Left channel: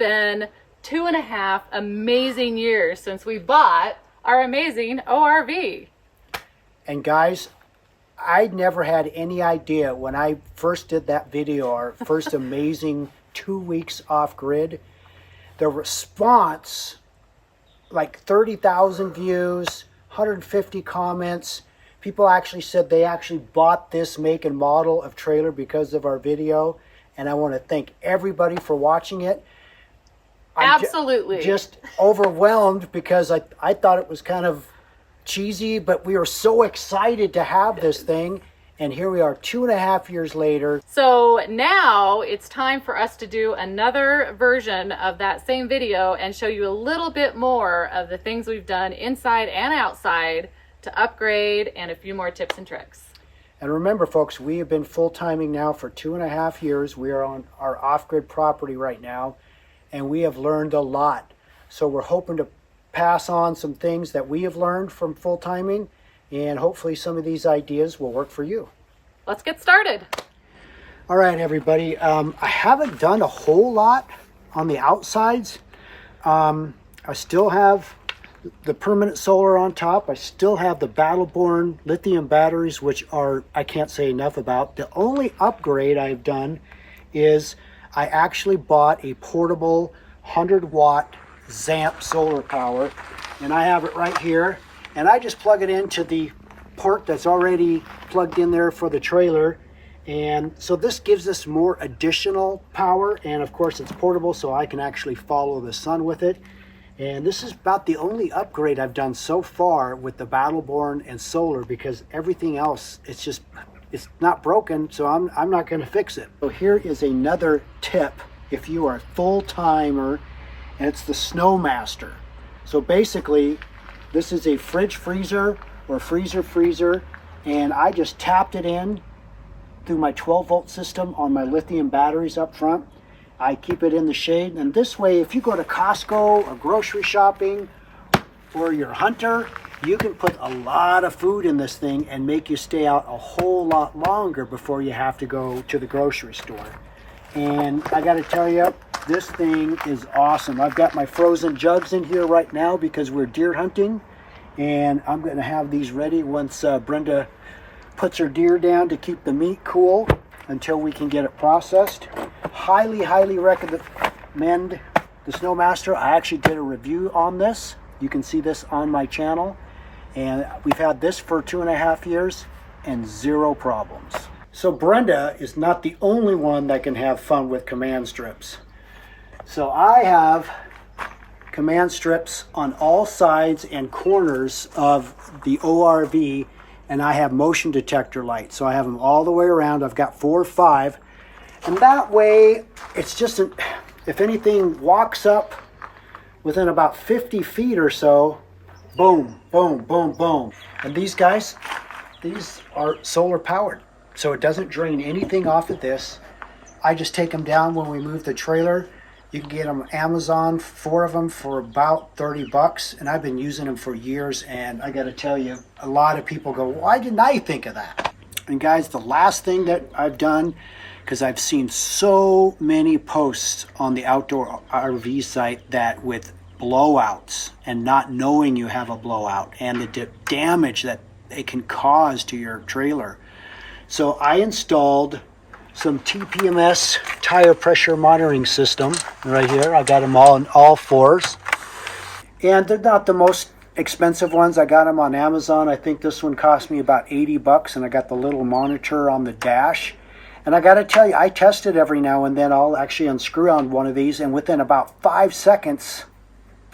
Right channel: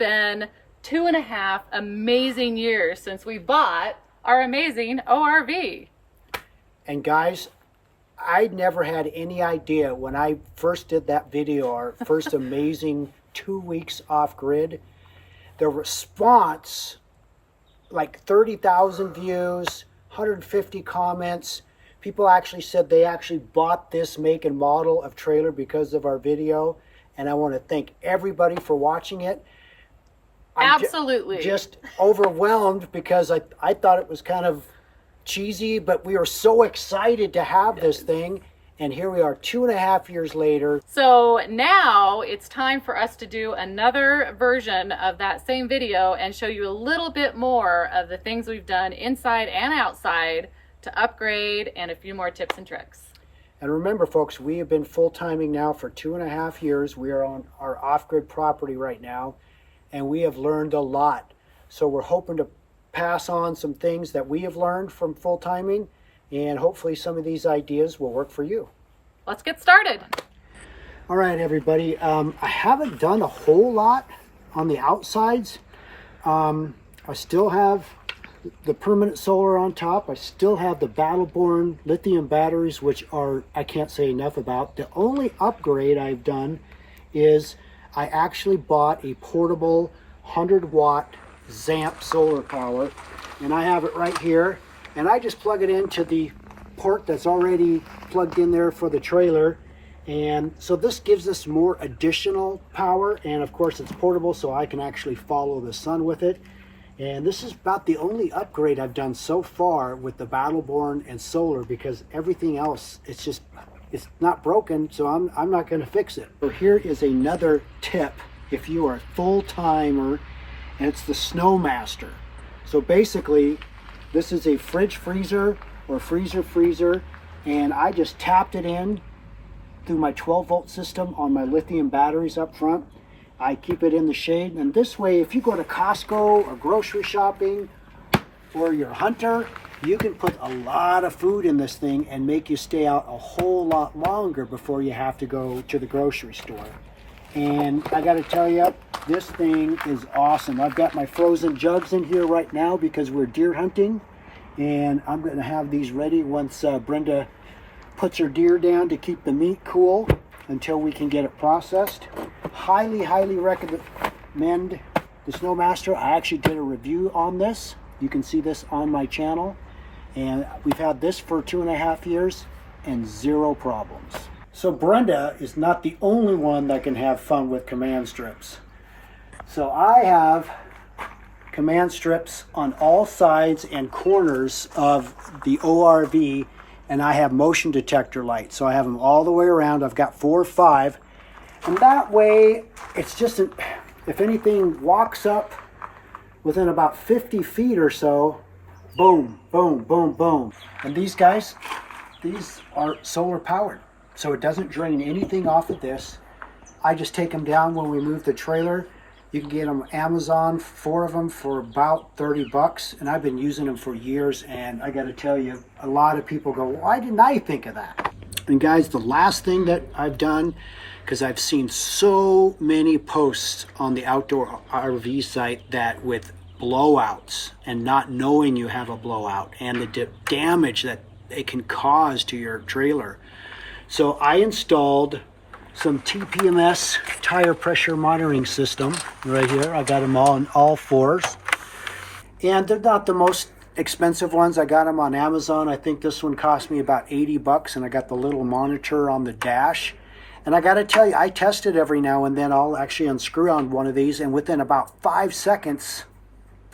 been 2.5 amazing years since we bought our amazing ORV. And guys, I never had any idea when I first did that video, our first amazing 2 weeks off grid, the response, like 30,000 views, 150 comments. People actually said they actually bought this make and model of trailer because of our video. And I want to thank everybody for watching it. Absolutely. Just overwhelmed because I thought it was kind of cheesy, but we were so excited to have this thing. And here we are 2.5 years later. So now it's time for us to do another version of that same video and show you a little bit more of the things we've done inside and outside to upgrade, and a few more tips and tricks. And remember, folks, we have been full-timing now for 2.5 years. We are on our off-grid property right now, and we have learned a lot. So we're hoping to pass on some things that we have learned from full-timing, and hopefully some of these ideas will work for you. Let's get started. All right, everybody. I haven't done a whole lot on the outsides. I still have the permanent solar on top. I still have the Battleborn lithium batteries, which are, I can't say enough about. The only upgrade I've done is I actually bought a portable 100-watt Zamp solar power, and I have it right here. And I just plug it into the port that's already plugged in there for the trailer. And so this gives us more additional power, and of course it's portable, so I can actually follow the sun with it. And this is about the only upgrade I've done so far with the Battleborn and solar, because everything else, it's not broken, so I'm not going to fix it. So here is another tip if you are a full-timer, and it's the Snowmaster. So basically, this is a fridge freezer or freezer, and I just tapped it in through my 12-volt system on my lithium batteries up front. I keep it in the shade, and this way, if you go to Costco or grocery shopping or you're a hunter, you can put a lot of food in this thing and make you stay out a whole lot longer before you have to go to the grocery store. And I got to tell you, this thing is awesome. I've got my frozen jugs in here right now because we're deer hunting, and I'm going to have these ready once Brenda puts her deer down to keep the meat cool until we can get it processed. Highly recommend the Snowmaster. I actually did a review on this. You can see this on my channel, and we've had this for 2.5 years and zero problems. So Brenda is not the only one that can have fun with command strips. So I have command strips on all sides and corners of the ORV, and I have motion detector lights. So I have them all the way around. I've got 4 or 5. And that way, it's just, if anything walks up within about 50 feet or so, boom, boom, boom, boom. And these guys, these are solar powered. So it doesn't drain anything off of this. I just take them down when we move the trailer. You can get them on Amazon, 4 of them for about 30 bucks. And I've been using them for years. And I got to tell you, a lot of people go, why didn't I think of that? And guys, the last thing that I've done, because I've seen so many posts on the outdoor RV site that with blowouts and not knowing you have a blowout and the damage that it can cause to your trailer. So I installed some TPMS tire pressure monitoring system right here. I got them all in all 4s. And they're not the most expensive ones. I got them on Amazon. I think this one cost me about 80 bucks, and I got the little monitor on the dash. And I got to tell you, I test it every now and then. I'll actually unscrew on one of these, and within about 5 seconds,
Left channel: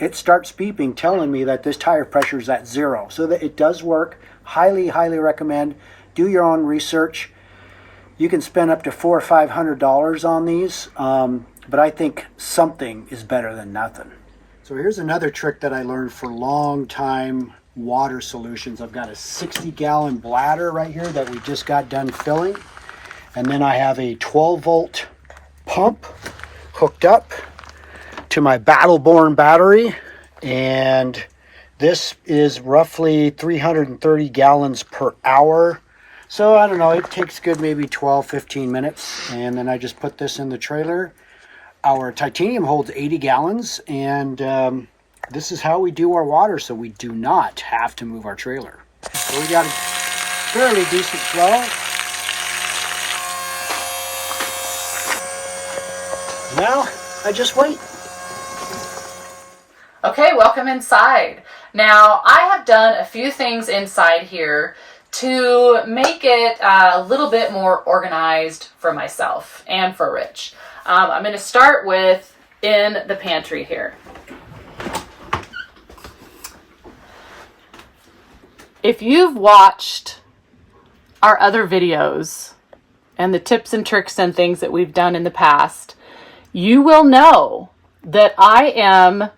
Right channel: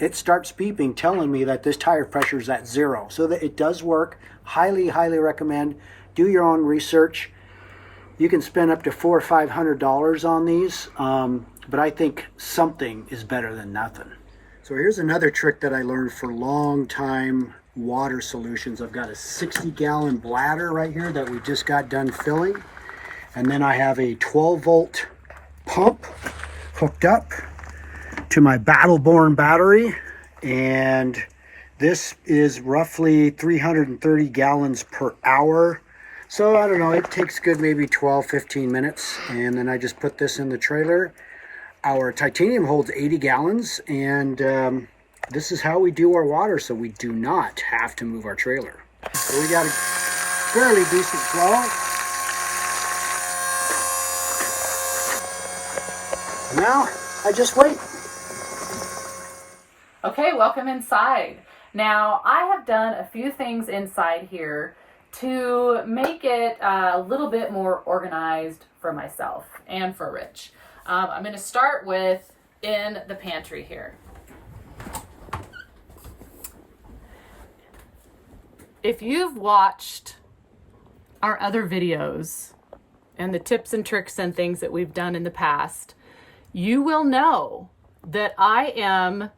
it starts beeping, telling me that this tire pressure is at 0. So that it does work. Highly recommend. Do your own research. You can spend up to $400 or $500 on these, but I think something is better than nothing. So here's another trick that I learned for long time water solutions. I've got a 60-gallon bladder right here that we just got done filling. And then I have a 12-volt pump hooked up to my Battleborn battery. And this is roughly 330 gallons per hour. So I don't know, it takes good maybe 12, 15 minutes. And then I just put this in the trailer. Our titanium holds 80 gallons, and this is how we do our water, so we do not have to move our trailer. So we got a fairly decent flow. Now, I just wait. Okay, welcome inside. Now, I have done a few things inside here to make it a little bit more organized for myself and for Rich. I'm going to start with in the pantry here. If you've watched our other videos and the tips and tricks and things that we've done in the past, you will know that I am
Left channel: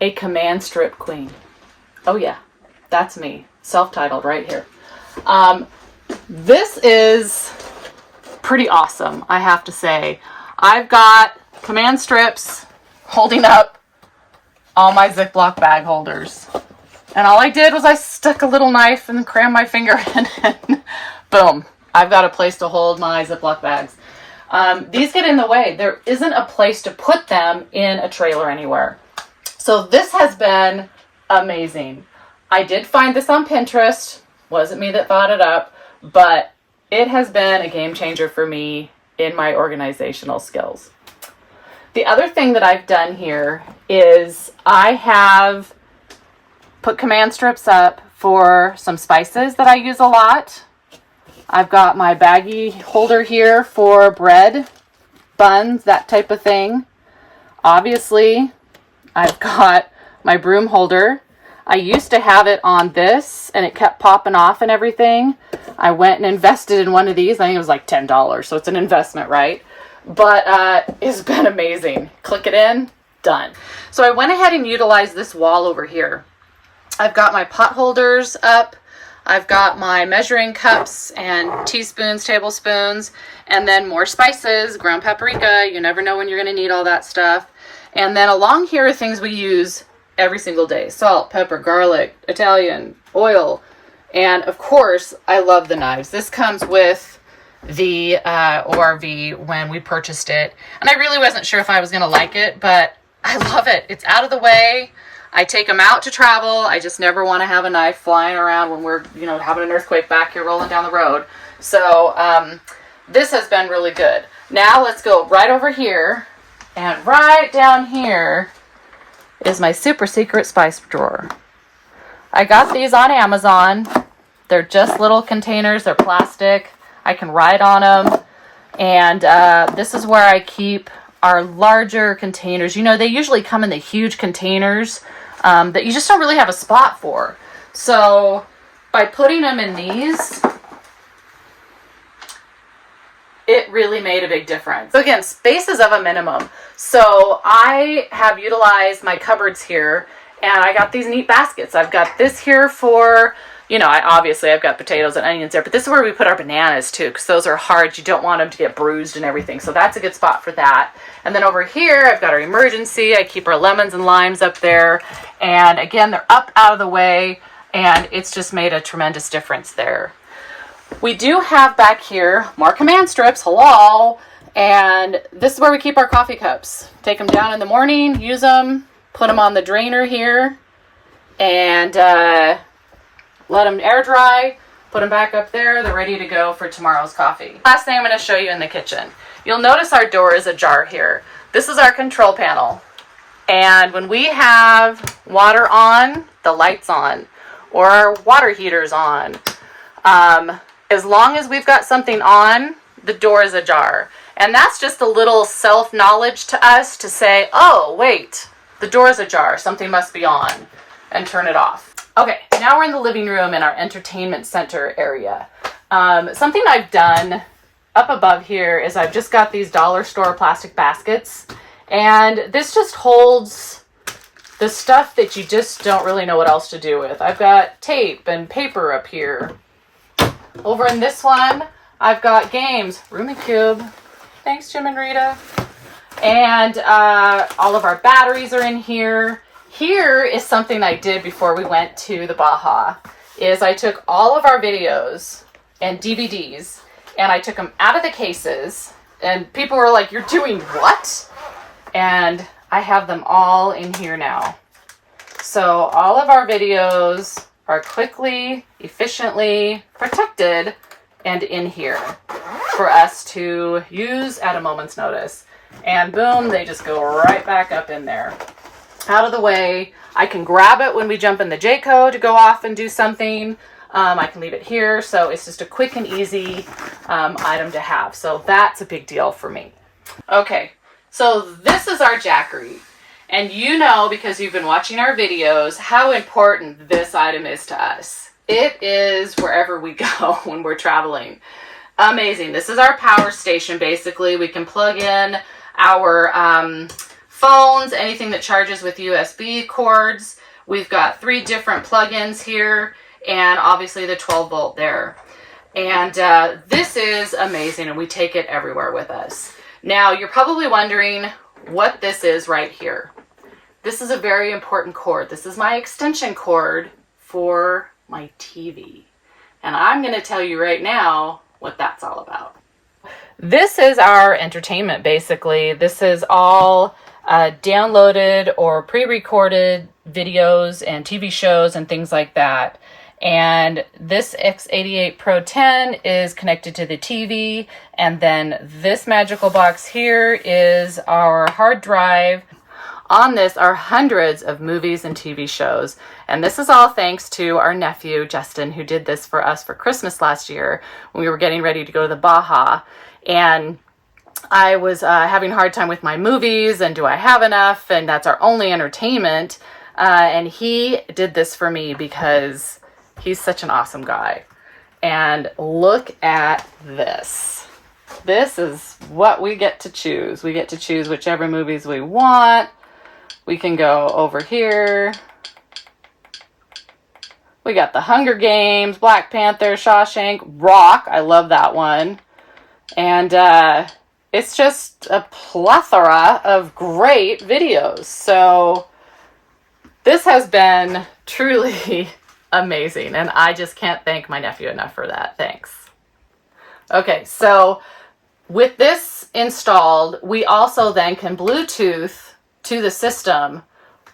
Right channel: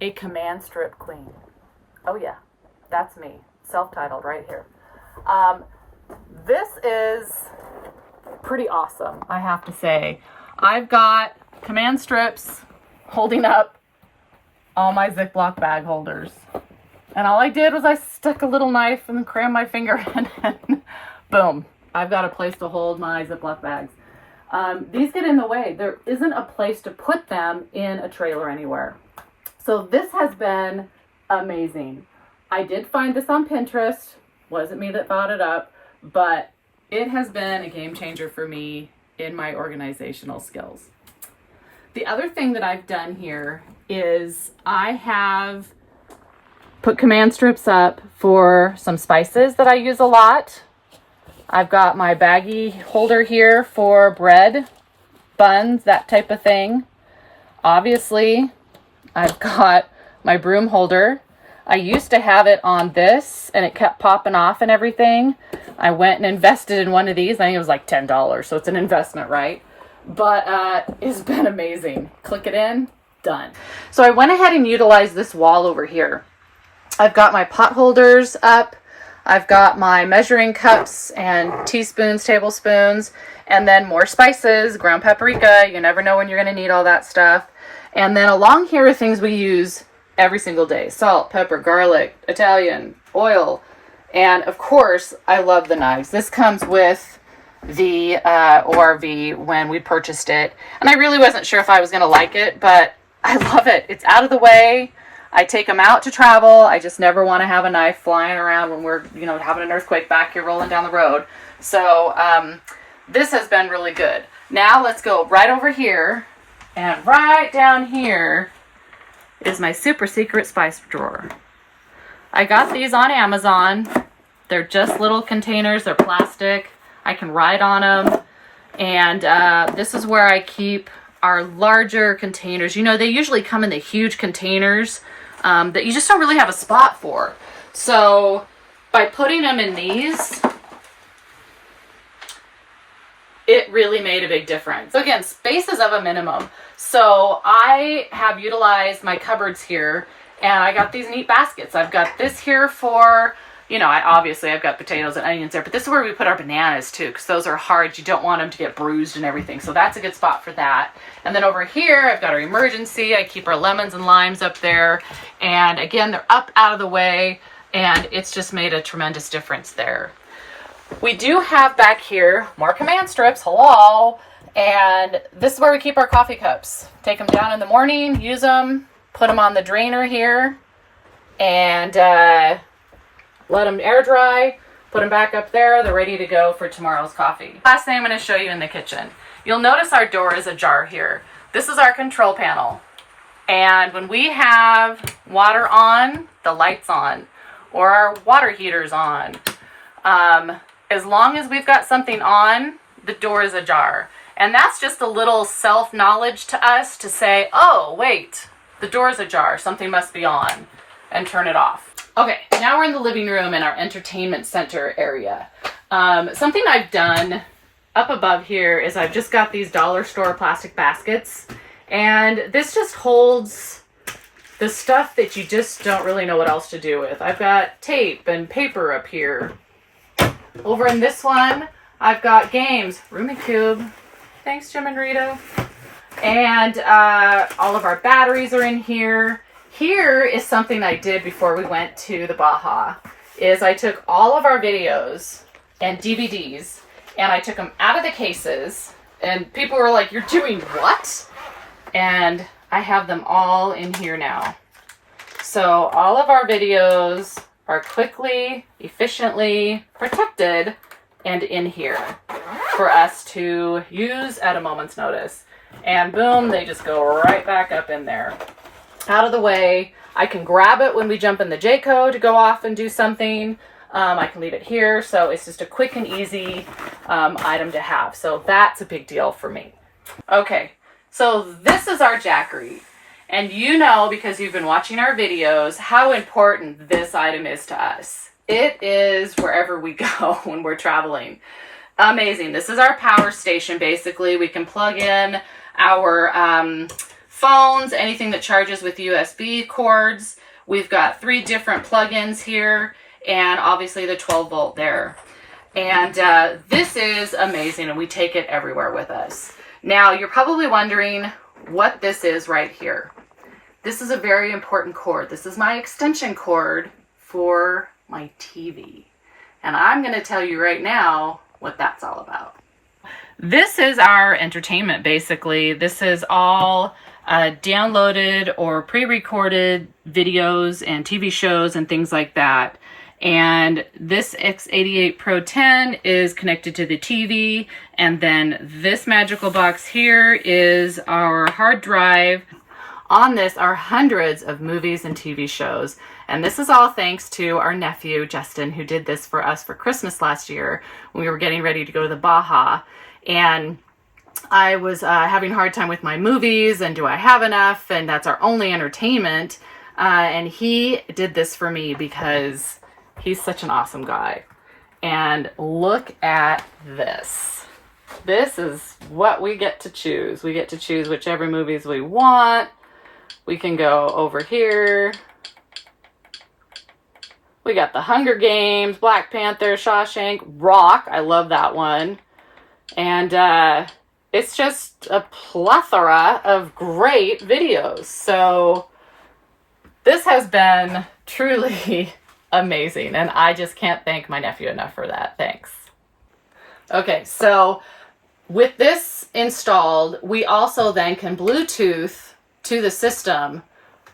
a command strip queen. Oh yeah, that's me. Self-titled right here. This is pretty awesome, I have to say. I've got command strips holding up all my Ziploc bag holders. And all I did was I stuck a little knife and crammed my finger in and boom, I've got a place to hold my Ziploc bags. These get in the way. There isn't a place to put them in a trailer anywhere. So this has been amazing. I did find this on Pinterest. Wasn't me that thought it up, but it has been a game changer for me in my organizational skills. The other thing that I've done here is I have put command strips up for some spices that I use a lot. I've got my baggie holder here for bread, buns, that type of thing. Obviously, I've got my broom holder. I used to have it on this and it kept popping off and everything. I went and invested in one of these. I think it was like $10, so it's an investment, right? But it's been amazing. Click it in, done. So I went ahead and utilized this wall over here. I've got my pot holders up. I've got my measuring cups and teaspoons, tablespoons, and then more spices, ground paprika. You never know when you're going to need all that stuff. And then along here are things we use every single day. Salt, pepper, garlic, Italian, oil. And of course, I love the knives. This comes with the ORV when we purchased it. And I really wasn't sure if I was going to like it, but I love it. It's out of the way. I take them out to travel. I just never want to have a knife flying around when we're, having an earthquake back here rolling down the road. So this has been really good. Now let's go right over here. And right down here is my super secret spice drawer. I got these on Amazon. They're just little containers. They're plastic. I can write on them. And this is where I keep our larger containers. They usually come in the huge containers that you just don't really have a spot for. So by putting them in these, it really made a big difference. So again, space is of a minimum. So I have utilized my cupboards here, and I got these neat baskets. I've got this here for, I've got potatoes and onions there, but this is where we put our bananas too, because those are hard. You don't want them to get bruised and everything. So that's a good spot for that. And then over here, I've got our emergency. I keep our lemons and limes up there. And again, they're up out of the way, and it's just made a tremendous difference there. We do have back here more command strips, hello, and this is where we keep our coffee cups. Take them down in the morning, use them, put them on the drainer here, and let them air dry, put them back up there. They're ready to go for tomorrow's coffee. Last thing I'm going to show you in the kitchen. You'll notice our door is ajar here. This is our control panel, and when we have water on, the light's on, or our water heater's on, as long as we've got something on, the door is ajar. And that's just a little self-knowledge to us to say, oh, wait, the door is ajar. Something must be on, and turn it off. Okay, now we're in the living room in our entertainment center area. Something I've done up above here is I've just got these dollar store plastic baskets. And this just holds the stuff that you just don't really know what else to do with. I've got tape and paper up here. Over in this one, I've got games, Rubik's Cube. Thanks, Jim and Rita. And all of our batteries are in here. Here is something I did before we went to the Baja, is I took all of our videos and DVDs and I took them out of the cases And people were like, "You're doing what?" And I have them all in here now. So all of our videos are quickly, efficiently protected and in here for us to use at a moment's notice. And boom, they just go right back up in there. Out of the way. I can grab it when we jump in the Jayco to go off and do something. I can leave it here. So it's just a quick and easy item to have. So that's a big deal for me. Okay, so this is our Jackery. And you know, because you've been watching our videos, how important this item is to us. It is wherever we go when we're traveling. Amazing. This is our power station, basically. We can plug in our phones, anything that charges with USB cords. We've got 3 different plugins here, and obviously the 12 volt there. And this is amazing, and we take it everywhere with us. Now, you're probably wondering what this is right here. This is a very important cord. This is my extension cord for my TV. And I'm going to tell you right now what that's all about. This is our entertainment, basically. This is all downloaded or pre-recorded videos and TV shows and things like that. And this X88 Pro 10 is connected to the TV. And then this magical box here is our hard drive. On this are hundreds of movies and TV shows. And this is all thanks to our nephew, Justin, who did this for us for Christmas last year when we were getting ready to go to the Baja. And I was having a hard time with my movies and do I have enough? And that's our only entertainment. And he did this for me because he's such an awesome guy. And look at this. This is what we get to choose. We get to choose whichever movies we want. We can go over here. We got The Hunger Games, Black Panther, Shawshank, Rock. I love that one. And it's just a plethora of great videos. So this has been truly amazing. And I just can't thank my nephew enough for that. Thanks. Okay, so with this installed, we also then can Bluetooth to the system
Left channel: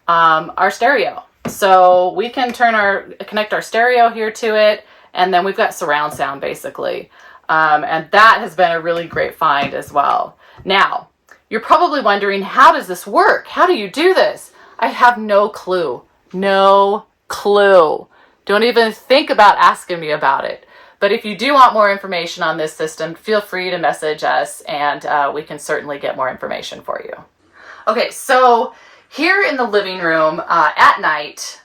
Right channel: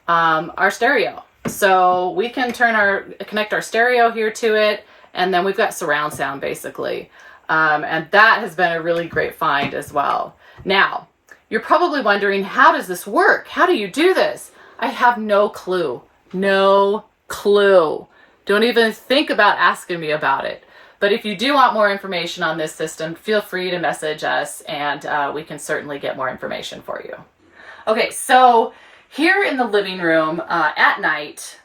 our stereo. So we can connect our stereo here to it, and then we've got surround sound basically. And that has been a really great find as well. Now, you're probably wondering, how does this work? How do you do this? I have no clue. No clue. Don't even think about asking me about it. But if you do want more information on this system, feel free to message us, and we can certainly get more information for you. Okay, so here in the living room at night,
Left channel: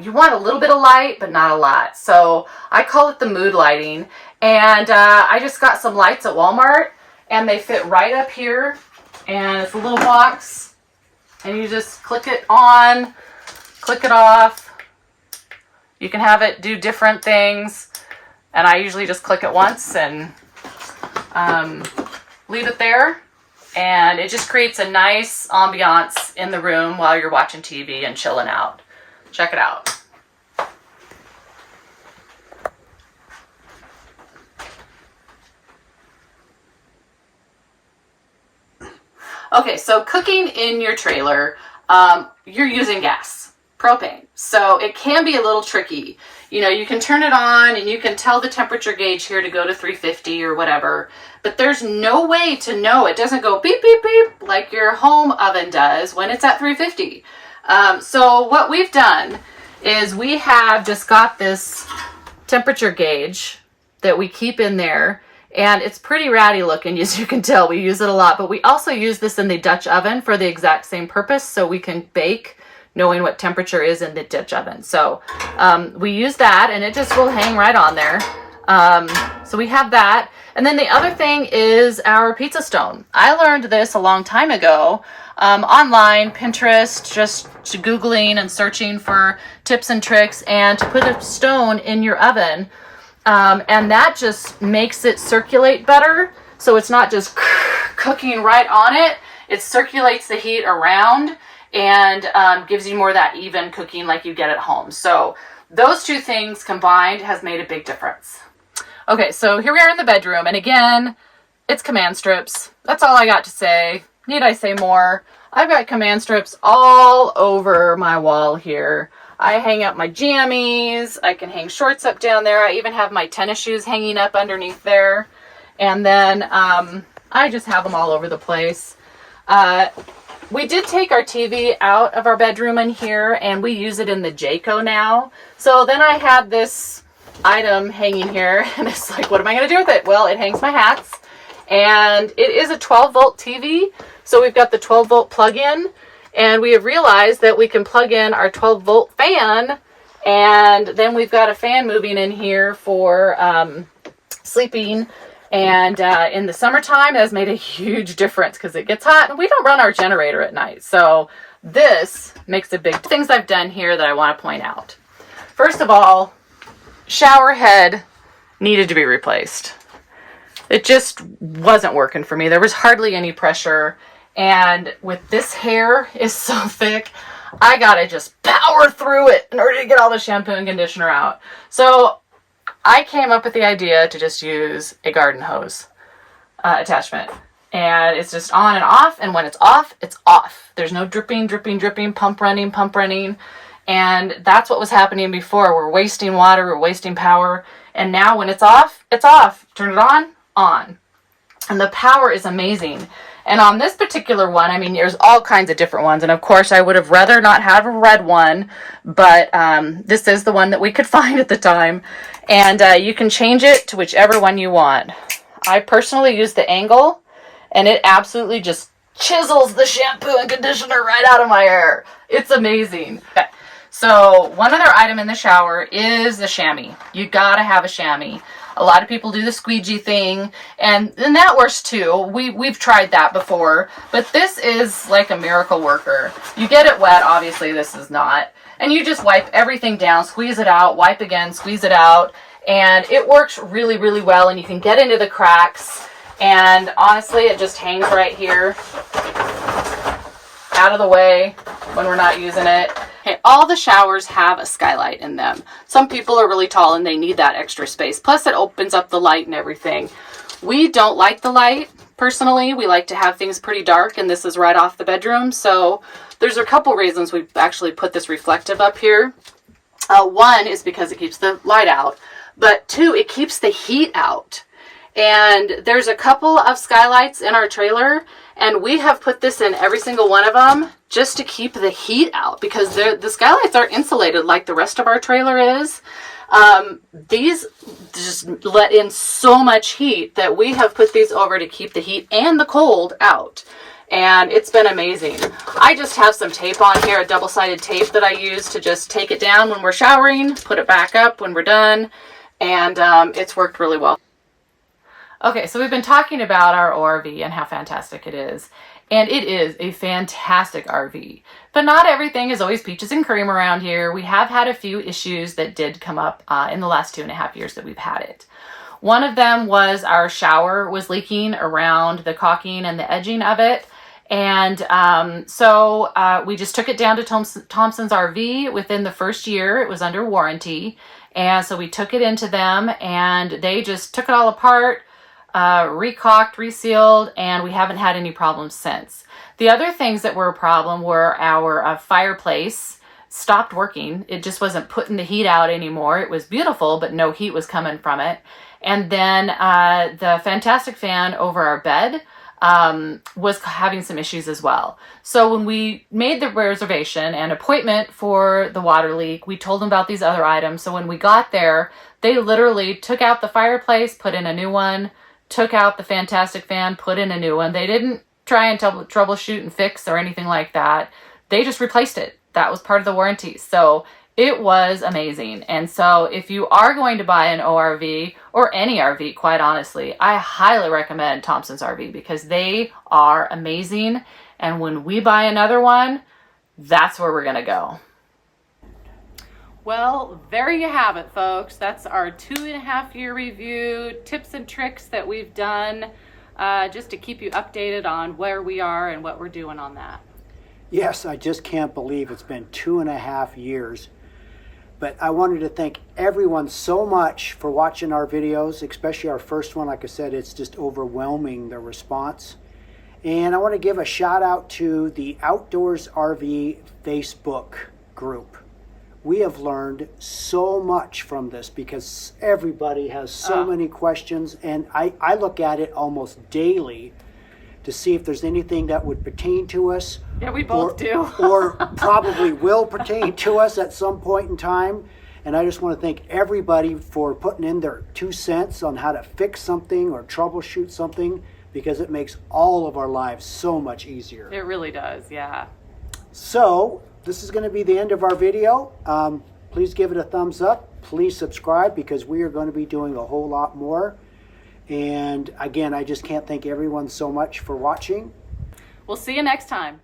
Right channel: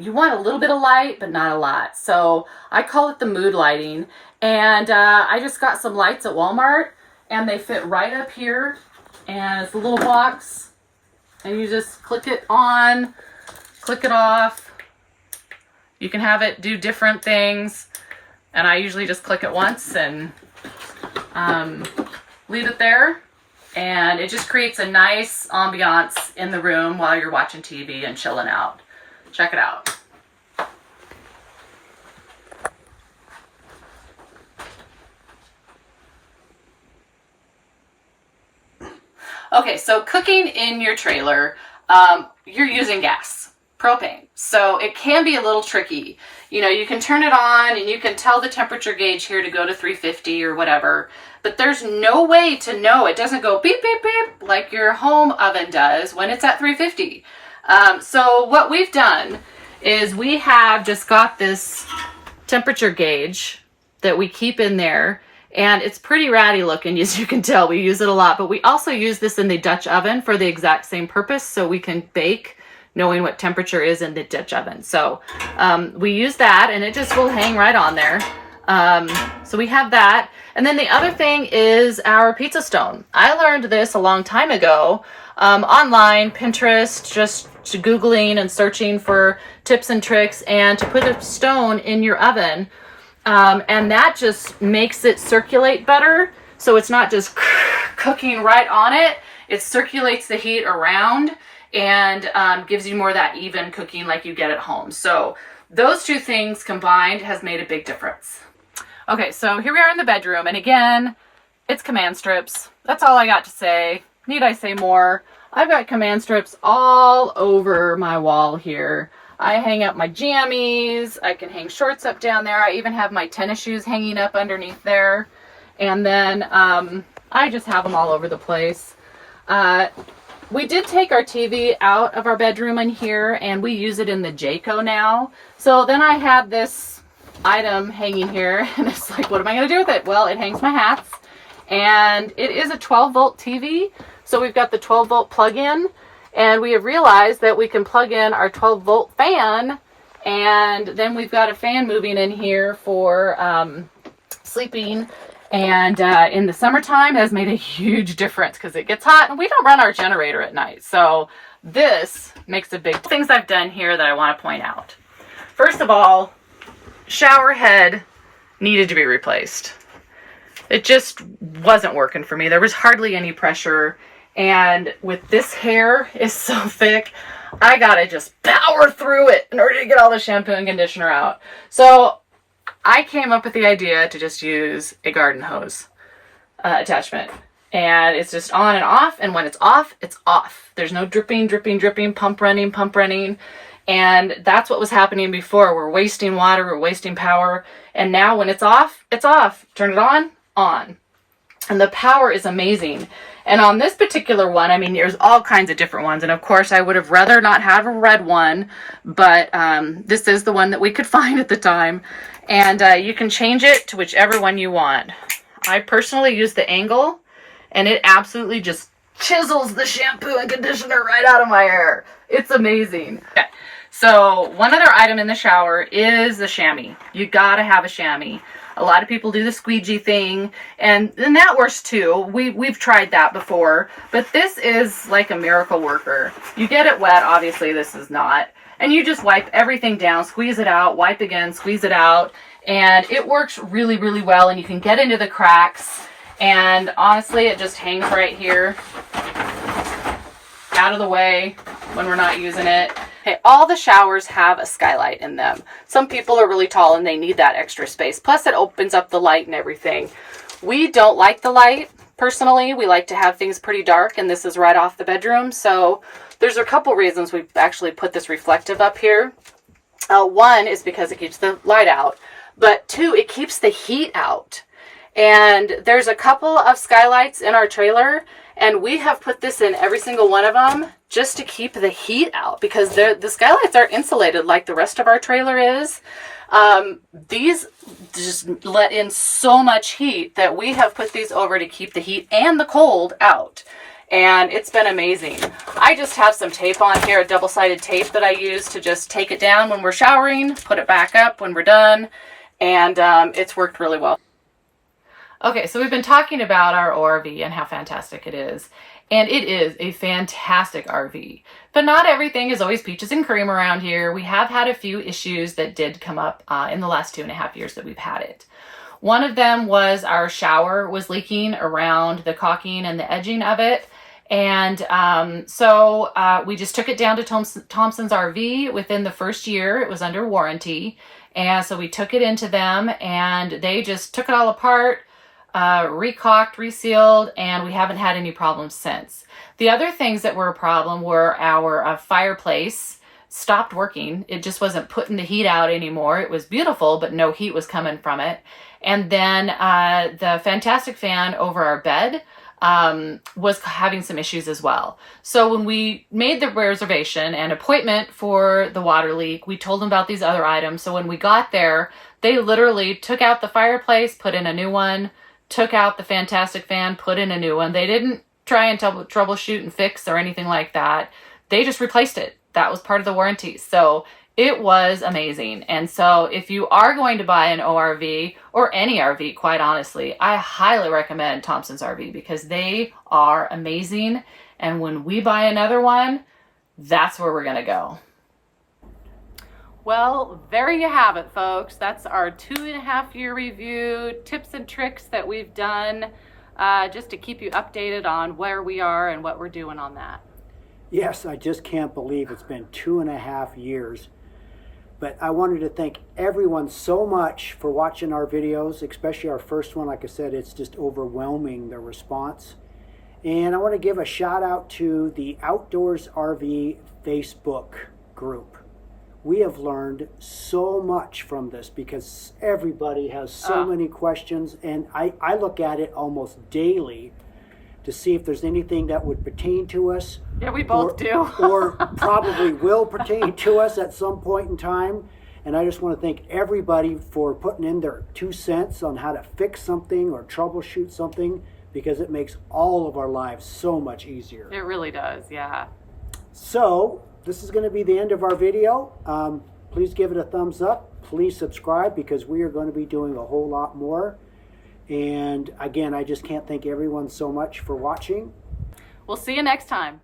you want a little bit of light, but not a lot. So I call it the mood lighting. And I just got some lights at Walmart, and they fit right up here. And it's a little box, and you just click it on, click it off. You can have it do different things. And I usually just click it once and leave it there. And it just creates a nice ambiance in the room while you're watching TV and chilling out. Check it out. Okay, so cooking in your trailer, you're using gas, propane. So it can be a little tricky. You know, you can turn it on and you can tell the temperature gauge here to go to 350 or whatever, but there's no way to know. It doesn't go beep, beep, beep like your home oven does when it's at 350. So what we've done is we have just got this temperature gauge that we keep in there, and it's pretty ratty looking, as you can tell. We use it a lot, but we also use this in the Dutch oven for the exact same purpose, so we can bake knowing what temperature is in the Dutch oven. So we use that, and it just will hang right on there. So we have that. And then the other thing is our pizza stone. I learned this a long time ago online, Pinterest, just Googling and searching for tips and tricks, and to put a stone in your oven. And that just makes it circulate better. So it's not just cooking right on it. It circulates the heat around and gives you more of that even cooking like you get at home. So those two things combined has made a big difference. Okay, so here we are in the bedroom. And again, it's command strips. That's all I got to say. Need I say more? I've got command strips all over my wall here. I hang up my jammies. I can hang shorts up down there. I even have my tennis shoes hanging up underneath there. And then I just have them all over the place. We did take our TV out of our bedroom in here, and we use it in the Jayco now. So then I had this item hanging here, and it's like, what am I going to do with it? Well, it hangs my hats, and it is a 12-volt TV. So we've got the 12-volt plug-in, and we have realized that we can plug in our 12-volt fan, and then we've got a fan moving in here for sleeping. And in the summertime, it has made a huge difference because it gets hot, and we don't run our generator at night. So this makes a big things I've done here that I want to point out. First of all, shower head needed to be replaced. It just wasn't working for me. There was hardly any pressure. And with this hair is so thick, I gotta just power through it in order to get all the shampoo and conditioner out. So I came up with the idea to just use a garden hose attachment. And it's just on and off. And when it's off, it's off. There's no dripping, dripping, dripping, pump running, pump running. And that's what was happening before. We're wasting water, we're wasting power. And now when it's off, it's off. Turn it on, on. And the power is amazing. And on this particular one, I mean, there's all kinds of different ones. And of course, I would have rather not have a red one, but this is the one that we could find at the time. And you can change it to whichever one you want. I personally use the angle, and it absolutely just chisels the shampoo and conditioner right out of my hair. It's amazing. Okay. So one other item in the shower is the chamois. You gotta have a chamois. A lot of people do the squeegee thing, and that works too. We've tried that before, but this is like a miracle worker. You get it wet, obviously this is not, and you just wipe everything down, squeeze it out, wipe again, squeeze it out, and it works really, really well, and you can get into the cracks, and honestly, it just hangs right here, out of the way when we're not using it. Okay, all the showers have a skylight in them. Some people are really tall and they need that extra space. Plus it opens up the light and everything. We don't like the light, personally. We like to have things pretty dark, and this is right off the bedroom. So there's a couple reasons we've actually put this reflective up here. One is because it keeps the light out, but two, it keeps the heat out. And there's a couple of skylights in our trailer, and we have put this in every single one of them just to keep the heat out, because the skylights aren't insulated like the rest of our trailer is. These just let in so much heat that we have put these over to keep the heat and the cold out. And it's been amazing. I just have some tape on here, a double-sided tape that I use to just take it down when we're showering, put it back up when we're done, and it's worked really well. Okay, so we've been talking about our ORV and how fantastic it is. And it is a fantastic RV. But not everything is always peaches and cream around here. We have had a few issues that did come up in the last 2.5 years that we've had it. One of them was our shower was leaking around the caulking and the edging of it. And so we just took it down to Thompson's RV within the first year. It was under warranty. And so we took it into them, and they just took it all apart, recaulked, resealed, and we haven't had any problems since. The other things that were a problem were our fireplace stopped working. It just wasn't putting the heat out anymore. It was beautiful, but no heat was coming from it. And then the fantastic fan over our bed was having some issues as well. So when we made the reservation and appointment for the water leak, we told them about these other items. So when we got there, they literally took out the fireplace, put in a new one, took out the fantastic fan, put in a new one. They didn't try and troubleshoot and fix or anything like that. They just replaced it. That was part of the warranty. So it was amazing. And so if you are going to buy an ORV or any RV, quite honestly, I highly recommend Thompson's RV because they are amazing. And when we buy another one, that's where we're going to go. Well, there you have it, folks. That's our 2.5-year review, tips and tricks that we've done just to keep you updated on where we are and what we're doing on that. Yes, I just can't believe it's been 2.5 years. But I wanted to thank everyone so much for watching our videos, especially our first one. Like I said, it's just overwhelming, the response. And I want to give a shout out to the Outdoors RV Facebook group. We have learned so much from this because everybody has so many questions, and I look at it almost daily to see if there's anything that would pertain to us. Yeah, we both do. Or probably will pertain to us at some point in time. And I just want to thank everybody for putting in their 2 cents on how to fix something or troubleshoot something, because it makes all of our lives so much easier. It really does, yeah. So this is going to be the end of our video. Please give it a thumbs up. Please subscribe, because we are going to be doing a whole lot more. And again, I just can't thank everyone so much for watching. We'll see you next time.